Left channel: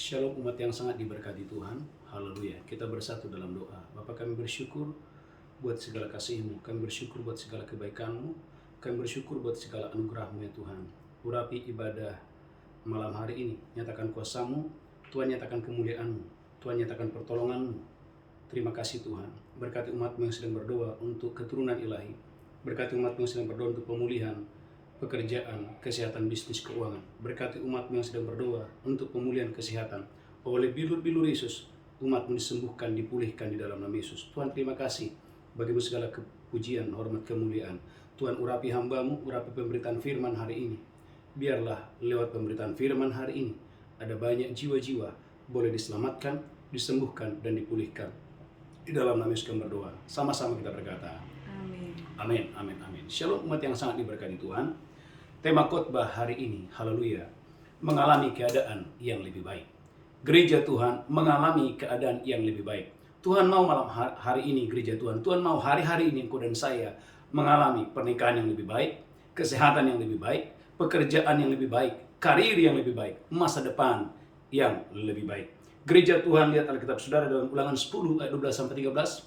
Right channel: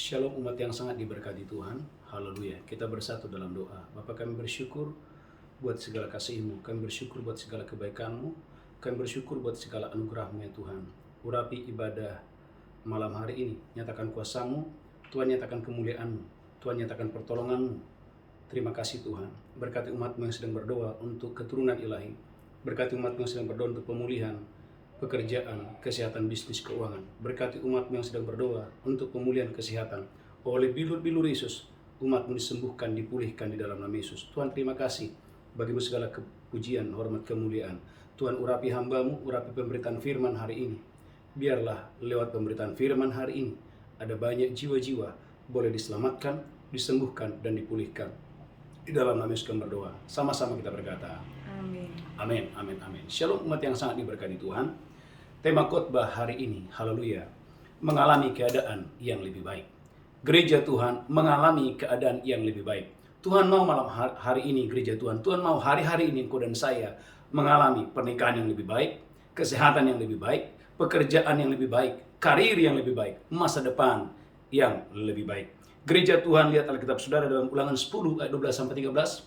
Shalom umat yang sangat diberkati Tuhan. Haleluya. Kita bersatu dalam doa. Bapa, kami bersyukur buat segala kasih-Mu. Kami bersyukur buat segala kebaikan-Mu. Kami bersyukur buat segala anugerah-Mu ya Tuhan. Urapi ibadah malam hari ini. Nyatakan kuasa-Mu. Tuhan, nyatakan kemuliaan-Mu. Tuhan, nyatakan pertolongan-Mu. Terima kasih Tuhan. Berkati umat-Mu yang sedang berdoa untuk keturunan ilahi. Berkati umat-Mu yang sedang berdoa untuk pemulihan pekerjaan, kesehatan, bisnis, keuangan. Berkati umat-Mu yang sedang berdoa untuk pemulihan kesehatan. Oleh bilur-bilur Yesus, umat-Mu disembuhkan, dipulihkan di dalam nama Yesus. Tuhan, terima kasih bagimu segala kepujian, hormat, kemuliaan. Tuhan, urapi hamba-Mu, urapi pemberitaan firman hari ini. Biarlah lewat pemberitaan firman hari ini, ada banyak jiwa-jiwa boleh diselamatkan, disembuhkan, dan dipulihkan. Di dalam nama Yesus kami berdoa. Sama-sama kita berkata, Amin. Amin, amin, amin. Shalom umat yang sangat diberkati Tuhan. Tema khotbah hari ini, haleluya, mengalami keadaan yang lebih baik. Gereja Tuhan mengalami keadaan yang lebih baik. Tuhan mau malam hari ini gereja Tuhan, Tuhan mau hari-hari ini engkau dan saya mengalami pernikahan yang lebih baik, kesehatan yang lebih baik, pekerjaan yang lebih baik, karir yang lebih baik, masa depan yang lebih baik. Gereja Tuhan, lihat Alkitab saudara dalam Ulangan 10 ayat 12-13.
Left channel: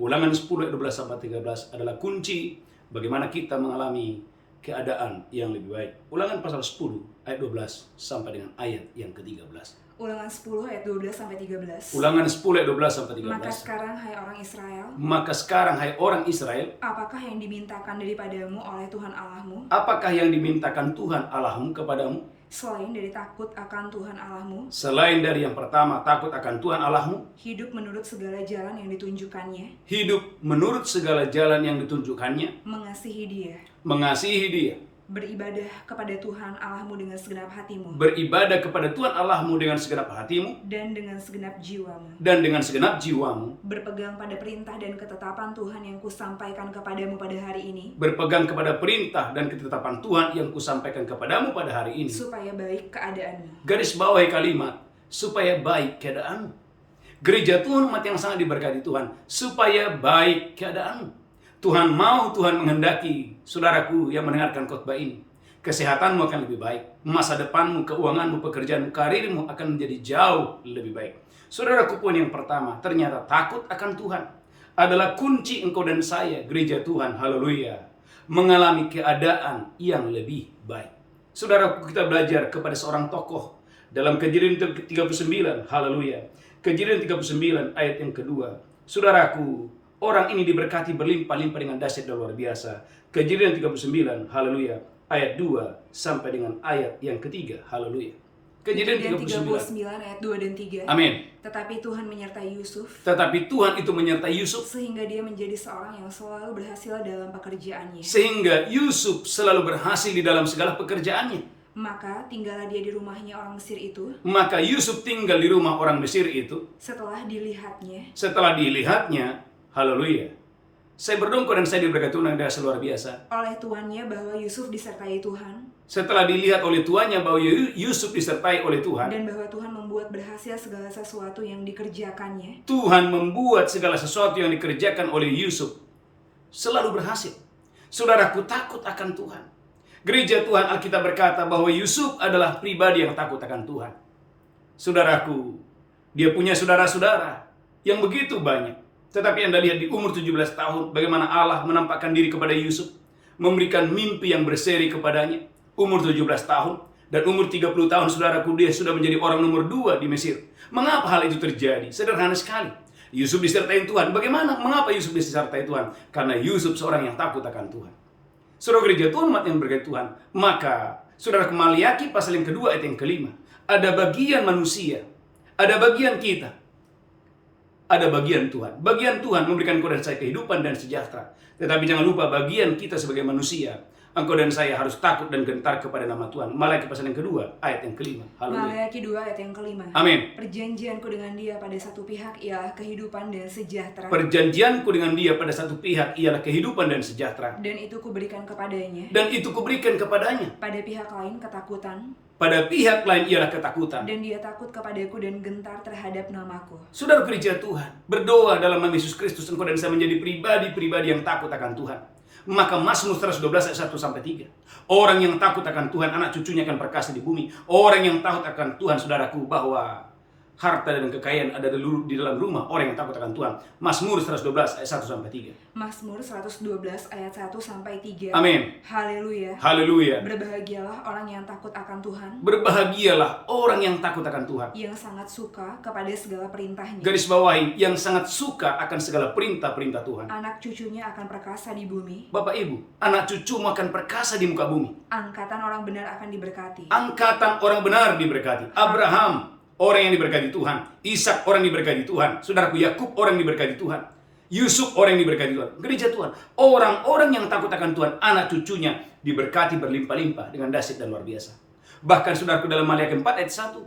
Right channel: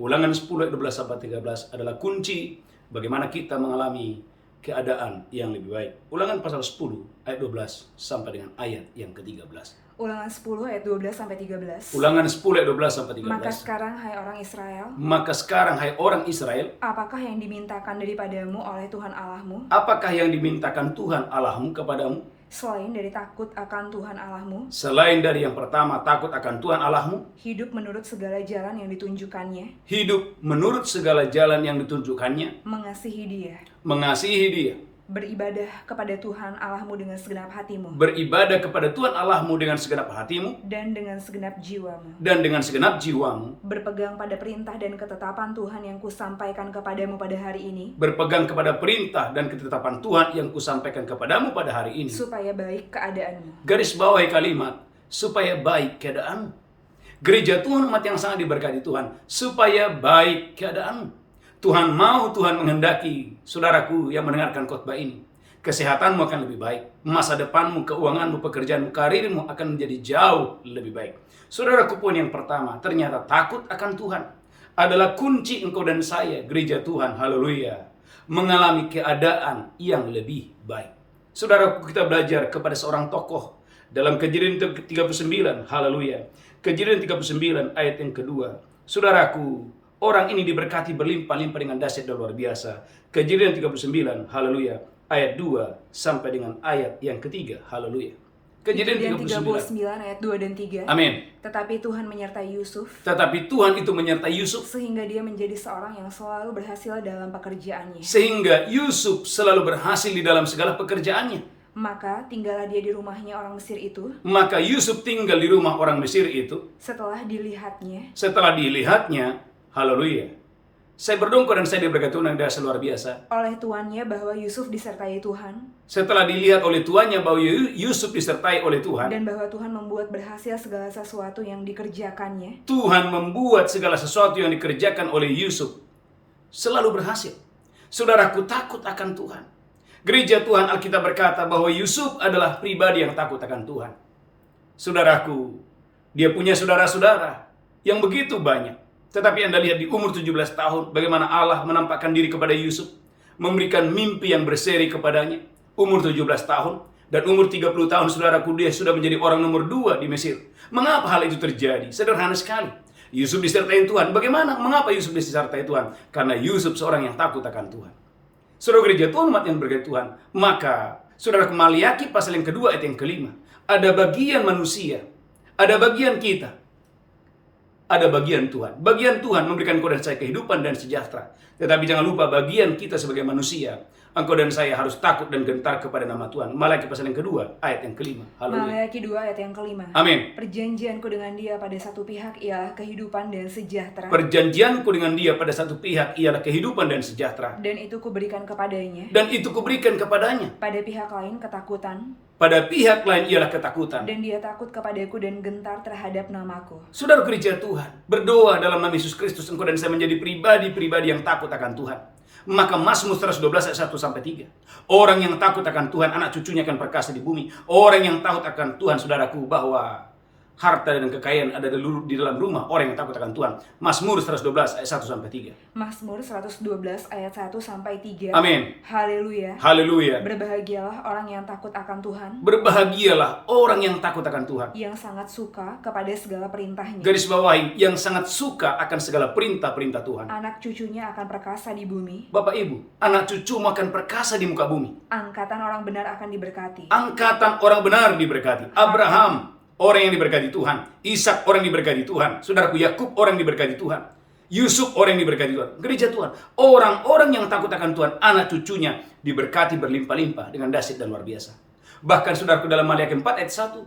Ulangan 10 ayat 12-13 adalah kunci bagaimana kita mengalami keadaan yang lebih baik. Ulangan pasal 10 ayat 12 sampai dengan ayat yang ke-13. Ulangan 10 ayat 12 sampai 13. Ulangan 10 ayat 12 sampai 13. Maka sekarang hai orang Israel, Maka sekarang hai orang Israel, apakah yang dimintakan daripadamu oleh Tuhan Allahmu apakah yang dimintakan Tuhan Allahmu kepadamu? selain dari takut akan Tuhan Allahmu, Selain dari yang pertama, takut akan Tuhan Allahmu, hidup menurut segala jalan yang ditunjukkannya, hidup menurut segala jalan yang ditunjukkannya, mengasihi Dia, mengasihi Dia, beribadah kepada Tuhan Allahmu dengan segenap hatimu beribadah kepada Tuhan Allahmu dengan segenap hatimu dan dengan segenap jiwamu, dan dengan segenap jiwamu, berpegang pada perintah dan ketetapan Tuhan yang kusampaikan kepadamu pada hari ini, berpegang kepada perintah dan ketetapan Tuhan yang kusampaikan kepadamu pada hari ini. supaya baik keadaanmu. Garis bawahi kalimat, supaya baik keadaanmu. Gereja Tuhan, umat yang sangat diberkati Tuhan, supaya baik keadaanmu. Tuhan mau, Tuhan menghendaki saudaraku yang mendengarkan khotbah ini, kesehatanmu akan lebih baik, masa depanmu, keuanganmu, pekerjaanmu, karirmu akan menjadi jauh lebih baik. Saudaraku pun yang pertama, ternyata takut akan Tuhan adalah kunci engkau dan saya, gereja Tuhan, haleluya, mengalami keadaan yang lebih baik. Saudaraku, kita belajar kepada seorang tokoh dalam Kejadian 39, haleluya. Kejadian 39 ayat yang kedua. Saudaraku, orang ini diberkati berlimpah-limpah dengan dahsyat dan luar biasa. Kejadian 39, haleluya, ayat 2 sampai dengan ayat yang ketiga, haleluya. Kejadian 39 ayat 2 dan 3. Amin. Tetapi Tuhan menyertai Yusuf, Tetapi Tuhan itu menyertai Yusuf, sehingga dia menjadi seorang yang selalu berhasil dalam pekerjaannya. sehingga Yusuf selalu berhasil di dalam segala pekerjaannya. Maka tinggallah dia di rumahnya orang Mesir itu, Maka Yusuf tinggal di rumah orang Mesir itu. setelah Dilihatnya, haleluya. Saya berdongkol dan saya diberkati Tuhan yang dahsyat luar biasa. oleh tuannya bahwa Yusuf disertai Tuhan, Setelah dilihat oleh tuannya bahwa Yusuf disertai oleh Tuhan, dan bahwa Tuhan membuat berhasil segala sesuatu yang dikerjakannya. Tuhan membuat segala sesuatu yang dikerjakan oleh Yusuf selalu berhasil. Saudaraku, takut akan Tuhan. Gereja Tuhan, Alkitab berkata bahwa Yusuf adalah pribadi yang takut akan Tuhan. Saudaraku, dia punya saudara-saudara yang begitu banyak. Tetapi Anda lihat di umur 17 tahun bagaimana Allah menampakkan diri kepada Yusuf, memberikan mimpi yang berseri kepadanya. Umur 17 tahun dan umur 30 tahun, saudaraku, dia sudah menjadi orang nomor 2 di Mesir. Mengapa hal itu terjadi? Sederhana sekali. Yusuf disertai Tuhan. Bagaimana? Mengapa Yusuf disertai Tuhan? Karena Yusuf seorang yang takut akan Tuhan. Saudara gereja Tuhan, umat yang berkati Tuhan, maka saudara, Maliaki pasal yang kedua ayat yang kelima, ada bagian manusia, ada bagian kita, ada bagian Tuhan. Bagian Tuhan memberikan engkau dan saya kehidupan dan sejahtera. Tetapi jangan lupa bagian kita sebagai manusia, engkau dan saya harus takut dan gentar kepada nama Tuhan. Maliaki pasal yang kedua ayat yang kelima. Haleluya. Maliaki 2 ayat yang kelima. Amin. Perjanjianku dengan dia pada satu pihak ialah kehidupan dan sejahtera, Perjanjianku dengan dia pada satu pihak ialah kehidupan dan sejahtera. dan itu kuberikan kepadanya. Dan itu kuberikan kepadanya. Pada pihak lain ketakutan, Pada pihak lain ialah ketakutan. dan dia takut kepadaku dan gentar terhadap namaku. Saudara gereja Tuhan, berdoa dalam nama Yesus Kristus, engkau dan saya menjadi pribadi-pribadi yang takut akan Tuhan. Maka Mazmur 112 ayat 1 sampai 3. Orang yang takut akan Tuhan, anak cucunya akan perkasa di bumi. Orang yang takut akan Tuhan, saudaraku, bahwa harta dan kekayaan ada di dalam rumah orang yang takut akan Tuhan. Mazmur 112 ayat 1 sampai 3. Mazmur 112 ayat 1 sampai 3. Amin. Haleluya. Haleluya. Berbahagialah orang yang takut akan Tuhan, Berbahagialah orang yang takut akan Tuhan. yang sangat suka kepada segala perintahnya. Garis bawahi, yang sangat suka akan segala perintah-perintah Tuhan. Anak cucunya akan perkasa di bumi, Bapak Ibu, anak cucumu akan perkasa di muka bumi. angkatan orang benar akan diberkati. Angkatan orang benar diberkati. Abraham, orang yang diberkati Tuhan. Ishak, orang yang diberkati Tuhan. Saudaraku Yakub, orang yang diberkati Tuhan. Yusuf, orang yang diberkati Tuhan. Gereja Tuhan, orang-orang yang takut akan Tuhan, anak cucunya diberkati berlimpah-limpah dengan dahsyat dan luar biasa. Bahkan saudaraku dalam Maliaki 4 ayat 1,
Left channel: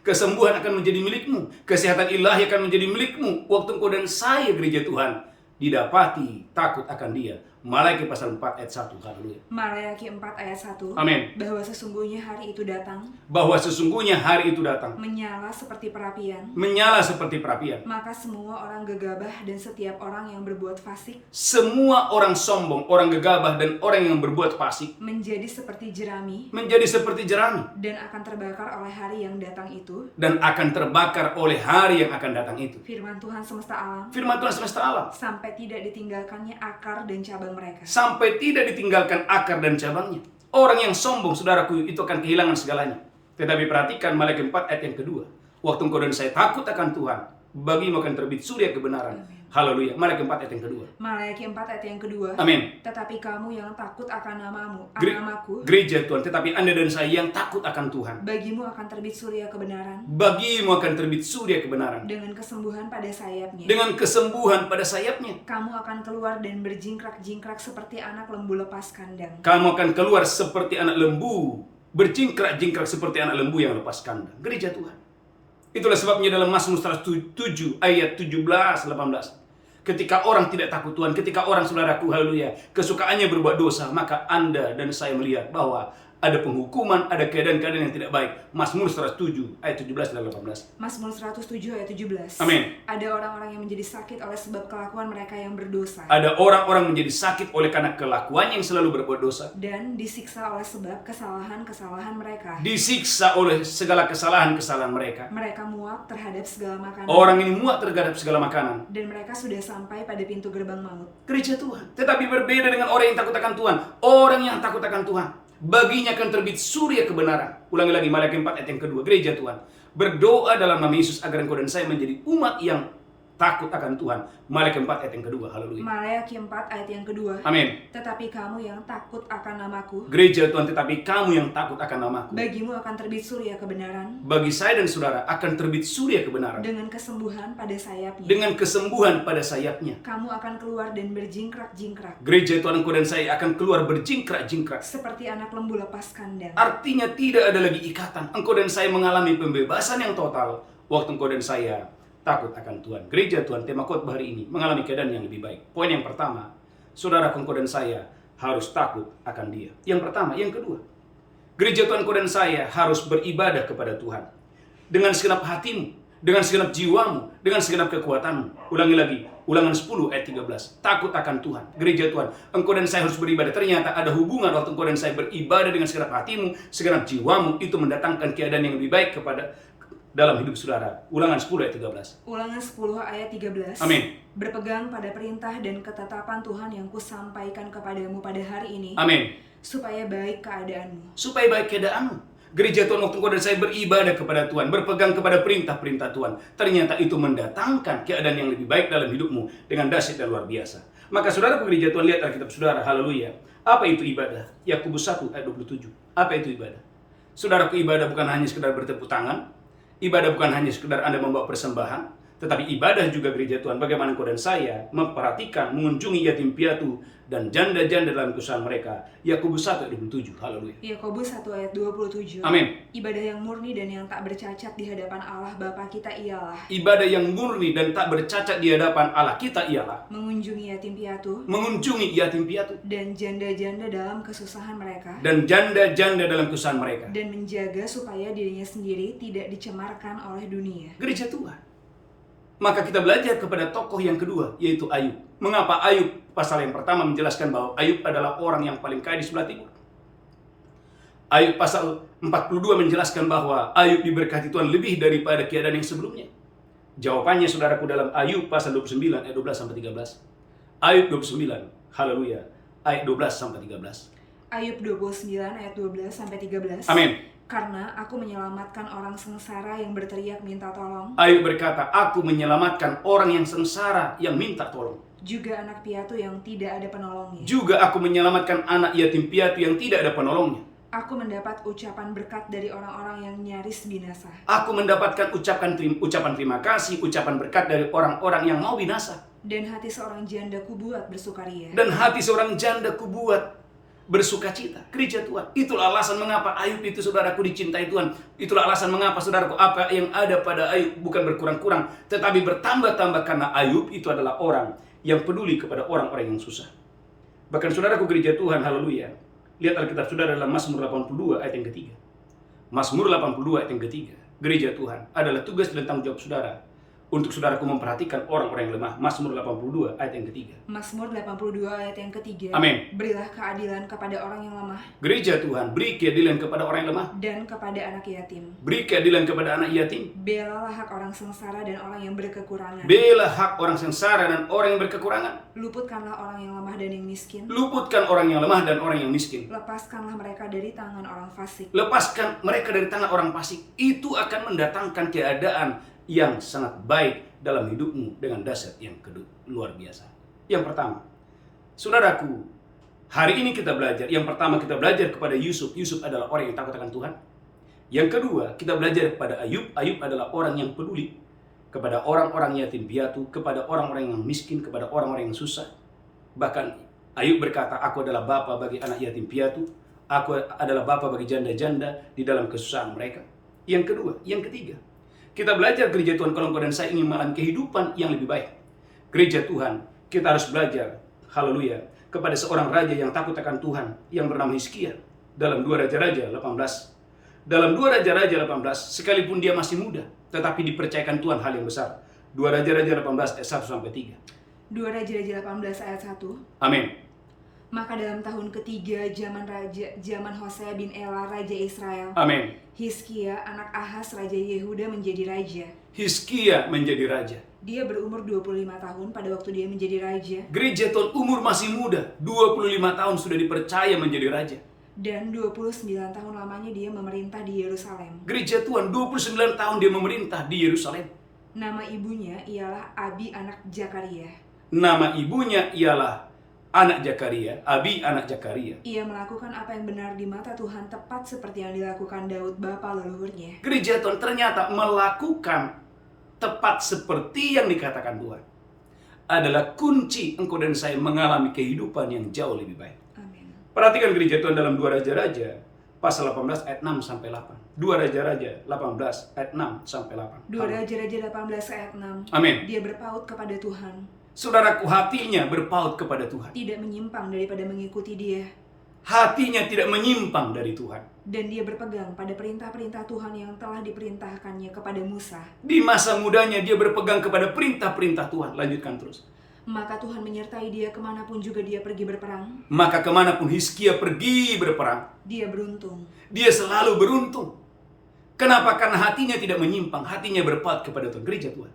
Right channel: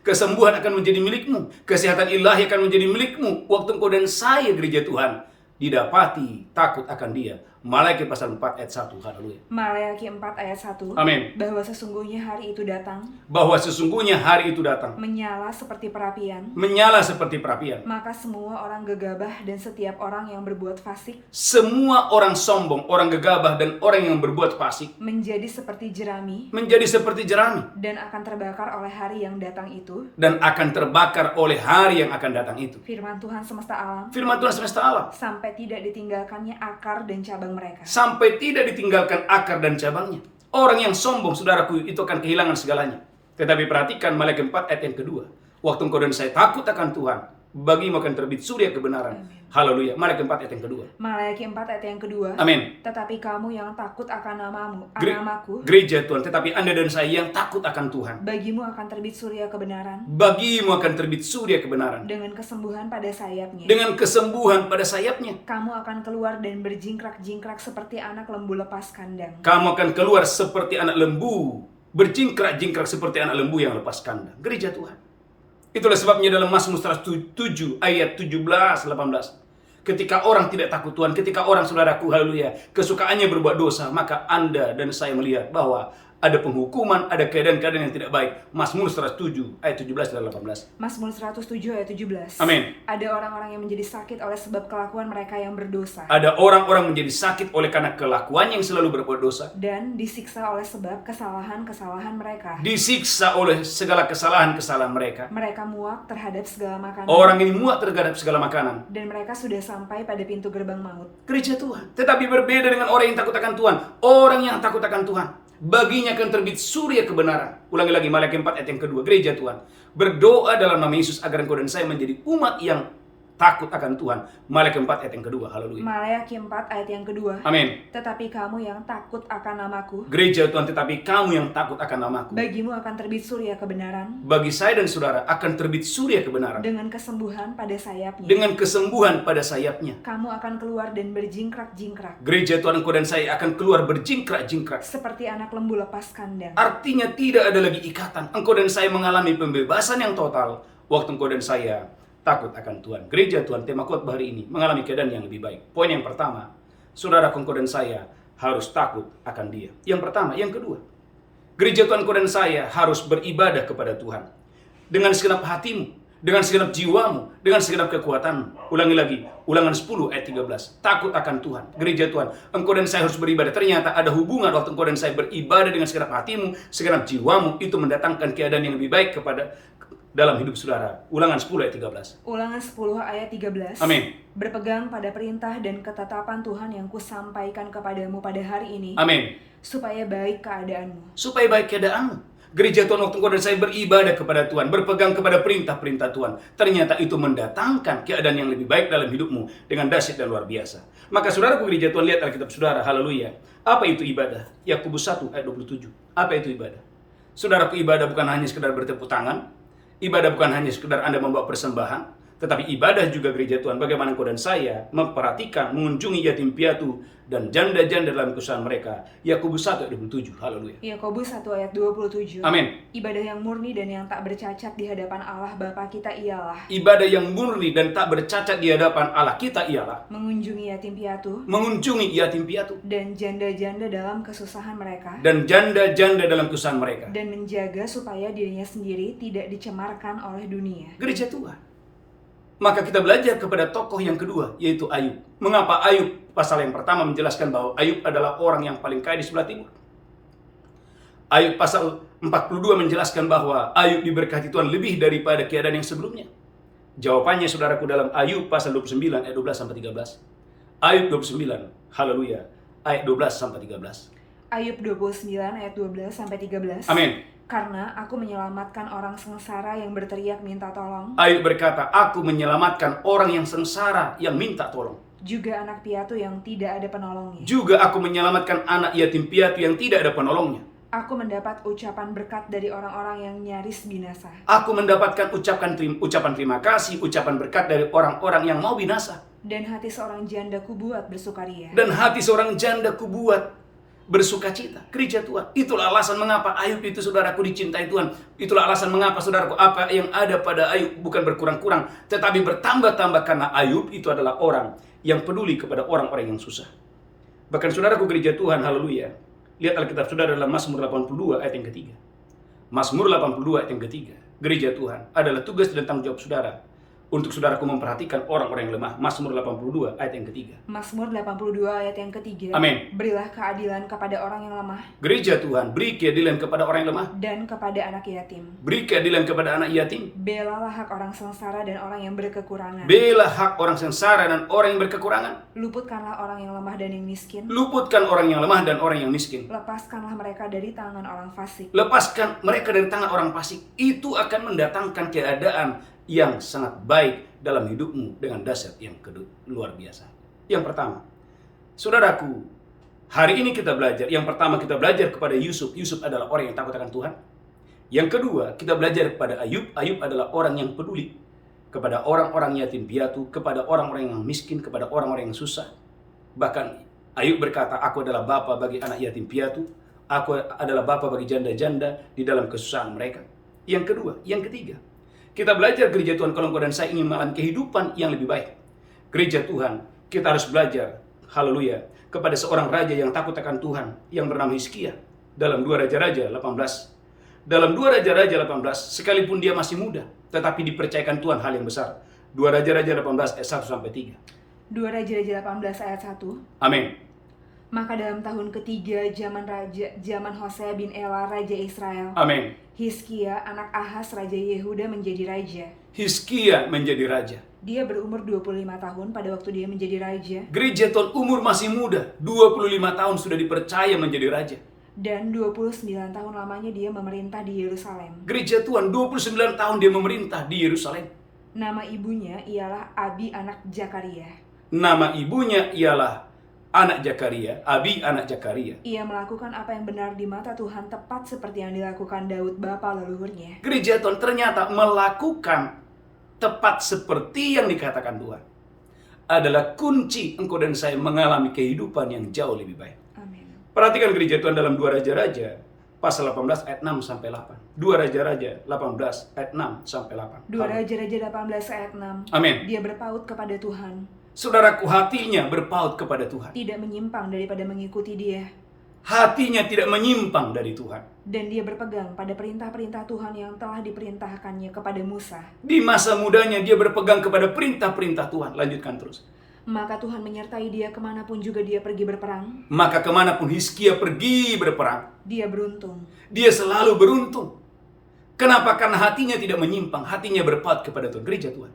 kesembuhan akan menjadi milikmu, kesehatan ilahi akan menjadi milikmu, waktu engkau dan saya gereja Tuhan didapati takut akan Dia. Maliaki pasal 4 ayat 1. Haleluya. Maleakhi 4 ayat 1. Amin. Bahwa sesungguhnya hari itu datang, Bahwa sesungguhnya hari itu datang, menyala seperti perapian, menyala seperti perapian. maka semua orang gegabah dan setiap orang yang berbuat fasik Semua orang sombong, orang gegabah, dan orang yang berbuat fasik menjadi seperti jerami menjadi seperti jerami dan akan terbakar oleh hari yang datang itu. dan akan terbakar oleh hari yang akan datang itu. Firman Tuhan semesta alam, Firman Tuhan semesta alam. sampai tidak ditinggalkannya akar dan cabang mereka. Sampai tidak ditinggalkan akar dan cabangnya. Orang yang sombong, saudaraku, itu akan kehilangan segalanya. Tetapi perhatikan Maliaki 4 ayat yang kedua. Waktu engkau dan saya takut akan Tuhan, bagimu akan terbit surya kebenaran. Haleluya. Maliaki 4 ayat yang kedua. Maleakhi 4 ayat yang kedua. Amin. Tetapi kamu yang takut akan namaku, Gereja Tuhan, tetapi Anda dan saya yang takut akan Tuhan, bagimu akan terbit surya kebenaran bagimu akan terbit surya kebenaran. dengan kesembuhan pada sayapnya. Dengan kesembuhan pada sayapnya. Kamu akan keluar dan berjingkrak-jingkrak seperti anak lembu lepas kandang. Kamu akan keluar seperti anak lembu, berjingkrak-jingkrak seperti anak lembu yang lepas kandang. Gereja Tuhan. Itulah sebabnya dalam Mazmur 107 ayat 17-18. Ketika orang tidak takut Tuhan, ketika orang, saudaraku, haleluya, kesukaannya berbuat dosa, maka Anda dan saya melihat bahwa ada penghukuman, ada keadaan-keadaan yang tidak baik. Mazmur 107 ayat 17 dan 18. Mazmur 107 ayat 17. Amin. Ada orang-orang yang menjadi sakit oleh sebab kelakuan mereka yang berdosa, Ada orang-orang menjadi sakit oleh karena kelakuannya yang selalu berbuat dosa. dan disiksa oleh sebab kesalahan-kesalahan mereka. Disiksa oleh segala kesalahan-kesalahan mereka. Mereka muak terhadap segala makanan, Orang ini muak terhadap segala makanan. dan mereka sudah sampai pada pintu gerbang maut. Gereja Tuhan. Tetapi berbeda dengan orang yang takut akan Tuhan. Orang yang takut akan Tuhan, baginya akan terbit surya kebenaran. Ulangi lagi Maliaki 4 ayat yang kedua. Gereja Tuhan, berdoa dalam nama Yesus agar engkau dan saya menjadi umat yang takut akan Tuhan. Maliaki 4 ayat yang kedua. Haleluya. Maleakhi 4 ayat yang kedua. Amin. Tetapi kamu yang takut akan namaku, Gereja Tuhan, tetapi kamu yang takut akan namaku, bagimu akan terbit surya kebenaran bagi saya dan saudara akan terbit surya kebenaran. dengan kesembuhan pada sayapnya. Dengan kesembuhan pada sayapnya. Kamu akan keluar dan berjingkrak-jingkrak Gereja Tuhan, engkau dan saya akan keluar berjingkrak-jingkrak. seperti anak lembu lepas kandang. Artinya tidak ada lagi ikatan. Engkau dan saya mengalami pembebasan yang total waktu engkau dan saya takut akan Tuhan. Gereja Tuhan, tema khotbah hari ini mengalami keadaan yang lebih baik. Poin yang pertama, saudara, engkau dan saya harus takut akan Dia. Yang pertama, yang kedua, gereja Tuhan, engkau dan saya harus beribadah kepada Tuhan dengan segenap hatimu, dengan segenap jiwamu, dengan segenap kekuatanmu. Ulangi lagi, Ulangan 10 ayat 13. Takut akan Tuhan. Gereja Tuhan, engkau dan saya harus beribadah. Ternyata ada hubungan waktu engkau dan saya beribadah dengan segenap hatimu, segenap jiwamu, itu mendatangkan keadaan yang lebih baik kepada dalam hidup saudara. Ulangan 10 ayat 13. Ulangan 10 ayat 13. Amin. Berpegang pada perintah dan ketetapan Tuhan yang kusampaikan kepadamu pada hari ini, Amin. supaya baik keadaanmu. Supaya baik keadaanmu. Gereja Tuhan, waktu engkau dan saya beribadah kepada Tuhan, berpegang kepada perintah-perintah Tuhan, ternyata itu mendatangkan keadaan yang lebih baik dalam hidupmu dengan dahsyat dan luar biasa. Maka saudaraku gereja Tuhan, lihat Alkitab saudara, haleluya. Apa itu ibadah? Yakobus 1 ayat 27. Apa itu ibadah? Saudaraku, ibadah bukan hanya sekedar bertepuk tangan, ibadah bukan hanya sekedar Anda membawa persembahan, tetapi ibadah juga gereja Tuhan. Bagaimana engkau dan saya memperhatikan, mengunjungi yatim piatu dan janda-janda dalam kesusahan mereka. Yakobus 1 ayat 27. Haleluya. Yakobus 1 ayat 27. Amin. Ibadah yang murni dan yang tak bercacat di hadapan Allah Bapa kita ialah Ibadah yang murni dan tak bercacat di hadapan Allah kita ialah mengunjungi yatim piatu mengunjungi yatim piatu dan janda-janda dalam kesusahan mereka, dan janda-janda dalam kesusahan mereka. dan menjaga supaya dirinya sendiri tidak dicemarkan oleh dunia. Gereja Tuhan. Maka kita belajar kepada tokoh yang kedua, yaitu Ayub. Mengapa Ayub? Pasal yang pertama menjelaskan bahwa Ayub adalah orang yang paling kaya di sebelah timur. Ayub pasal 42 menjelaskan bahwa Ayub diberkati Tuhan lebih daripada keadaan yang sebelumnya. Jawabannya saudaraku dalam Ayub pasal 29 ayat 12 sampai 13. Ayub 29, haleluya, ayat 12 sampai 13. Ayub 29 ayat 12 sampai 13. Amin. Karena aku menyelamatkan orang sengsara yang berteriak minta tolong. Ayub berkata, aku menyelamatkan orang yang sengsara yang minta tolong. Juga anak piatu yang tidak ada penolongnya. Juga aku menyelamatkan anak yatim piatu yang tidak ada penolongnya. Aku mendapat ucapan berkat dari orang-orang yang nyaris binasa. Aku mendapatkan ucapan terima kasih, ucapan berkat dari orang-orang yang mau binasa. Dan hati seorang janda kubuat bersukaria. Dan hati seorang janda kubuat bersukacita. Gereja Tuhan. Itulah alasan mengapa Ayub itu saudaraku dicintai Tuhan. Itulah alasan mengapa saudaraku apa yang ada pada Ayub bukan berkurang-kurang, tetapi bertambah-tambah karena Ayub itu adalah orang yang peduli kepada orang-orang yang susah. Bahkan saudaraku gereja Tuhan, haleluya. Lihat Alkitab saudara dalam Mazmur 82 ayat yang ketiga. Mazmur 82 ayat yang ketiga. Gereja Tuhan adalah tugas dan tanggung jawab saudara untuk saudaraku memperhatikan orang-orang yang lemah. Mazmur 82 ayat yang ketiga. Mazmur 82 ayat yang ketiga. Amin. Berilah keadilan kepada orang yang lemah. Gereja Tuhan, beri keadilan kepada orang yang lemah. Dan kepada anak yatim. Beri keadilan kepada anak yatim. Belalah hak orang sengsara dan orang yang berkekurangan. Bela hak orang sengsara dan orang yang berkekurangan. Luputkanlah orang yang lemah dan yang miskin. Luputkan orang yang lemah dan orang yang miskin. Lepaskanlah mereka dari tangan orang fasik. Lepaskan mereka dari tangan orang fasik. Itu akan mendatangkan keadaan yang sangat baik dalam hidupmu dengan dasar yang luar biasa. Yang pertama, saudaraku, hari ini kita belajar. Yang pertama kita belajar kepada Yusuf. Yusuf adalah orang yang takut akan Tuhan. Yang kedua, kita belajar kepada Ayub. Ayub adalah orang yang peduli kepada orang-orang yatim piatu, kepada orang-orang yang miskin, kepada orang-orang yang susah. Bahkan Ayub berkata, aku adalah bapa bagi anak yatim piatu. Aku adalah bapa bagi janda-janda di dalam kesusahan mereka. Yang kedua, yang ketiga, kita belajar gereja Tuhan kalau engkau dan saya ingin mengalami kehidupan yang lebih baik. Gereja Tuhan, kita harus belajar, haleluya, kepada seorang raja yang takut akan Tuhan yang bernama Hizkia. Dalam 2 Raja-Raja 18. Dalam 2 Raja-Raja 18, sekalipun dia masih muda, tetapi dipercayakan Tuhan hal yang besar. 2 Raja-Raja 18 ayat 1 sampai 3. 2 Raja-Raja 18 ayat 1. Amin. Maka dalam tahun ketiga zaman Hosea bin Ela raja Israel, Amin. Hizkia anak Ahaz raja Yehuda menjadi raja. Hizkia menjadi raja. Dia berumur 25 tahun pada waktu dia menjadi raja. Gereja Tuhan umur masih muda, 25 tahun sudah dipercaya menjadi raja. Dan 29 tahun lamanya dia memerintah di Yerusalem. Gereja Tuhan 29 tahun dia memerintah di Yerusalem. Nama ibunya ialah Abi anak Zakaria. Nama ibunya ialah anak Zakaria, Abi anak Zakaria. Ia melakukan apa yang benar di mata Tuhan tepat seperti yang dilakukan Daud bapa leluhurnya. Gereja Tuhan ternyata melakukan tepat seperti yang dikatakan Tuhan. Adalah kunci engkau dan saya mengalami kehidupan yang jauh lebih baik. Amin. Perhatikan gereja Tuhan dalam 2 Raja-Raja pasal 18 ayat 6 sampai 8. 2 Raja-Raja 18 ayat 6 sampai 8. 2 Raja-Raja 18 ayat 6. Amin. Dia berpaut kepada Tuhan. Saudaraku, hatinya berpaut kepada Tuhan. Tidak menyimpang daripada mengikuti dia. Hatinya tidak menyimpang dari Tuhan. Dan dia berpegang pada perintah-perintah Tuhan yang telah diperintahkannya kepada Musa. Di masa mudanya dia berpegang kepada perintah-perintah Tuhan. Lanjutkan terus. Maka Tuhan menyertai dia kemanapun juga dia pergi berperang. Maka kemanapun Hizkia pergi berperang, Dia beruntung. dia selalu beruntung. Kenapa? Karena hatinya tidak menyimpang. Hatinya berpaut kepada Tuhan. Gereja Tuhan,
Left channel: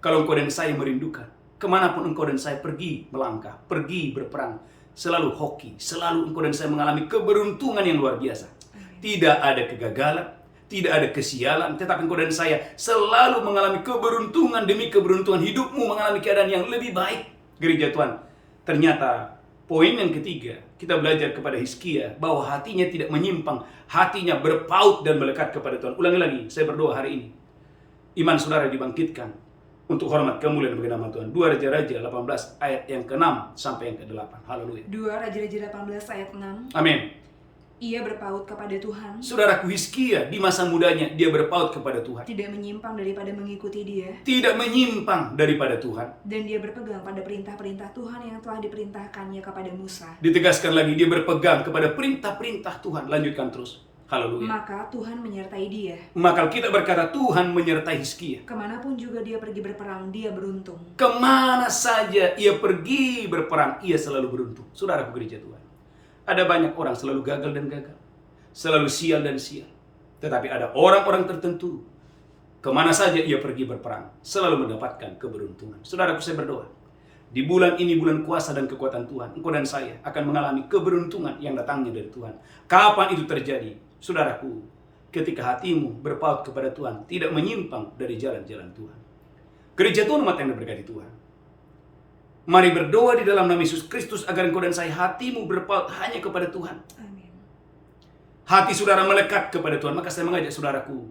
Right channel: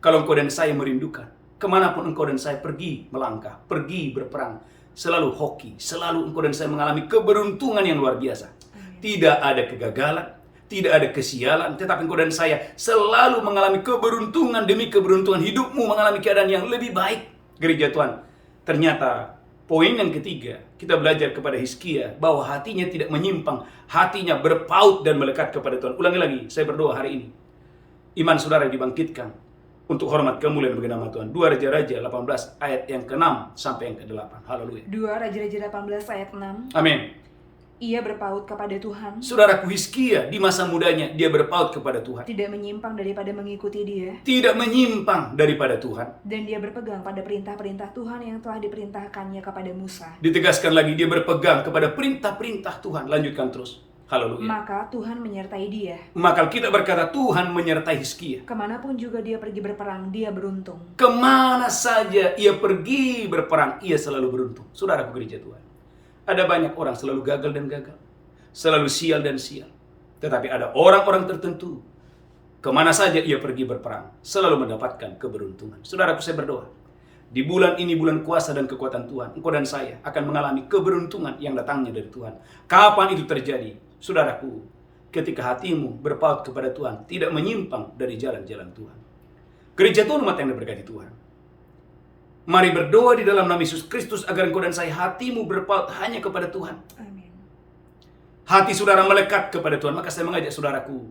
kalau engkau dan saya merindukan, kemanapun engkau dan saya pergi melangkah, pergi berperang, selalu hoki, selalu engkau dan saya mengalami keberuntungan yang luar biasa. Tidak ada kegagalan, tidak ada kesialan, tetapi engkau dan saya selalu mengalami keberuntungan demi keberuntungan. Hidupmu mengalami keadaan yang lebih baik. Gereja Tuhan, ternyata poin yang ketiga, kita belajar kepada Hizkia bahwa hatinya tidak menyimpang, hatinya berpaut dan melekat kepada Tuhan. Ulangi lagi, saya berdoa hari ini, iman saudara dibangkitkan untuk hormat kemuliaan bagi nama Tuhan. 2 Raja-Raja 18 ayat yang ke-6 sampai yang ke-8. Haleluya. 2 Raja-Raja 18 ayat 6. Amin. Ia berpaut kepada Tuhan. Saudaraku, Hizkia di masa mudanya dia berpaut kepada Tuhan. Tidak menyimpang daripada mengikuti dia. Tidak menyimpang daripada Tuhan. Dan dia berpegang pada perintah-perintah Tuhan yang telah diperintahkannya kepada Musa. Ditegaskan lagi, dia berpegang kepada perintah-perintah Tuhan. Lanjutkan terus. Haleluya. Maka Tuhan menyertai dia. Maka kita berkata Tuhan menyertai Hizkia. Kemanapun juga dia pergi berperang, dia beruntung. Kemana saja ia pergi berperang, ia selalu beruntung. Saudaraku gereja Tuhan, ada banyak orang selalu gagal dan gagal. selalu sial dan sial. Tetapi ada orang-orang tertentu, kemana saja ia pergi berperang, selalu mendapatkan keberuntungan. Saudaraku, saya berdoa, di bulan ini, bulan kuasa dan kekuatan Tuhan, engkau dan saya akan mengalami keberuntungan yang datangnya dari Tuhan. Kapan itu terjadi? Saudaraku, ketika hatimu berpaut kepada Tuhan, tidak menyimpang dari jalan-jalan Tuhan. Gereja Tuhan, umat yang diberkati Tuhan, mari berdoa di dalam nama Yesus Kristus agar engkau dan saya hatimu berpaut hanya kepada Tuhan. Amin. Hati saudara melekat kepada Tuhan. Maka saya mengajak saudaraku,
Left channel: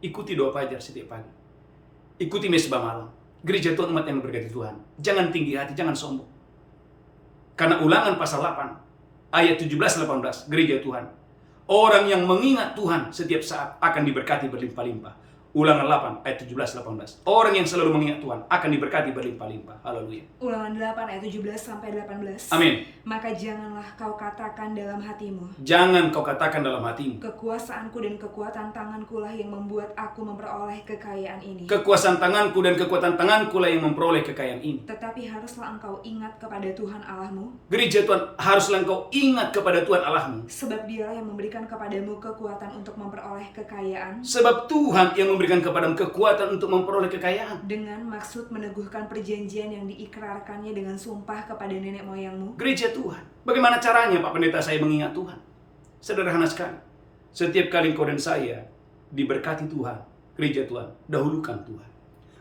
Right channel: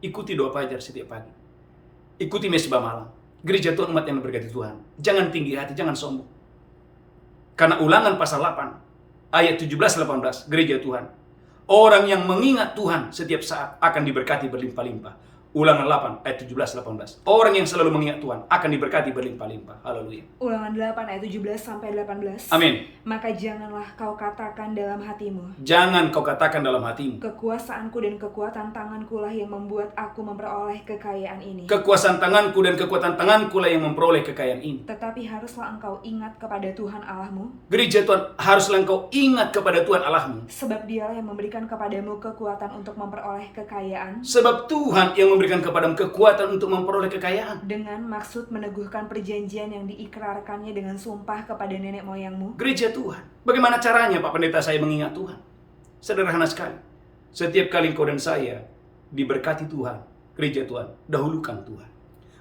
ikuti doa fajar setiap pagi. Ikuti mesbah malam. Gereja Tuhan, umat yang diberkati Tuhan, jangan tinggi hati, jangan sombong. Karena Ulangan pasal 8 ayat 17-18, gereja Tuhan, orang yang mengingat Tuhan setiap saat akan diberkati berlimpah-limpah. Ulangan 8 ayat 17-18. Orang yang selalu mengingat Tuhan akan diberkati berlimpah-limpah. Haleluya. Ulangan 8 ayat 17-18. Amin. Maka janganlah kau katakan dalam hatimu, Jangan kau katakan dalam hatimu, kekuasaanku dan kekuatan tanganku lah yang membuat aku memperoleh kekayaan ini. kekuasaan tanganku dan kekuatan tanganku lah yang memperoleh kekayaan ini. Tetapi haruslah engkau ingat kepada Tuhan Allahmu, Gereja Tuhan, haruslah engkau ingat kepada Tuhan Allahmu. sebab Dialah yang memberikan kepadamu kekuatan untuk memperoleh kekayaan, Sebab Tuhan yang memberikan kepadamu kekuatan untuk memperoleh kekayaan. dengan maksud meneguhkan perjanjian yang diikrarkannya dengan sumpah kepada nenek moyangmu. Gereja Tuhan, bagaimana caranya Pak Pendeta saya mengingat Tuhan? Sederhana sekali. Setiap kali engkau dan saya diberkati Tuhan, gereja Tuhan, dahulukan Tuhan.